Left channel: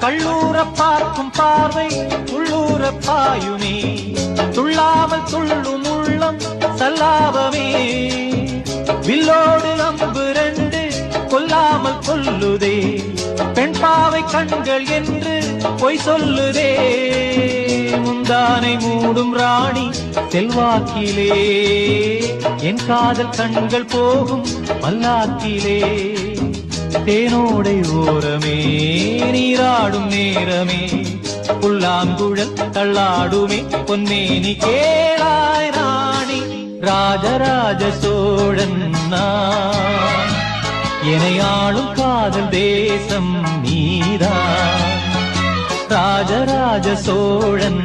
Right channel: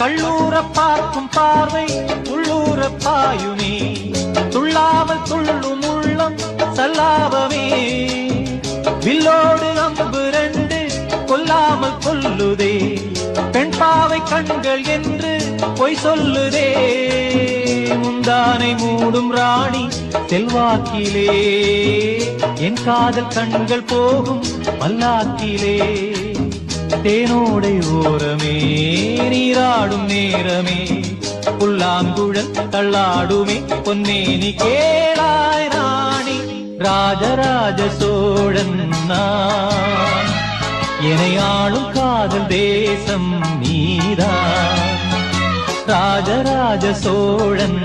கள்ளூர பார்க்கும் பார்வை உள்ளூர பாயுமே துள்ளாமல் துள்ளும் உள்ளம் சல்லாவமே வில்லோடு அம்பு ரெண்டு கொல்லாமல் கொல்லுதே பெண் பாவை கண்கள் என்று பொய் சொல்லுதே முந்தானை மூடும் ராணி செல்வாக்கிலே என் காதல் கண்கள் போகும் பல்லாக்கிலே தேனோடை ஓரமே நீராடும் நேரமே புல்லாங்குழல் தள்ளாடுமே பொன்னேனி கேளாய் ராணி ராஜராஜ சோழன் நான் எனையாளும் காதல் தேசம் நீரா ராஜராஜ சோழன்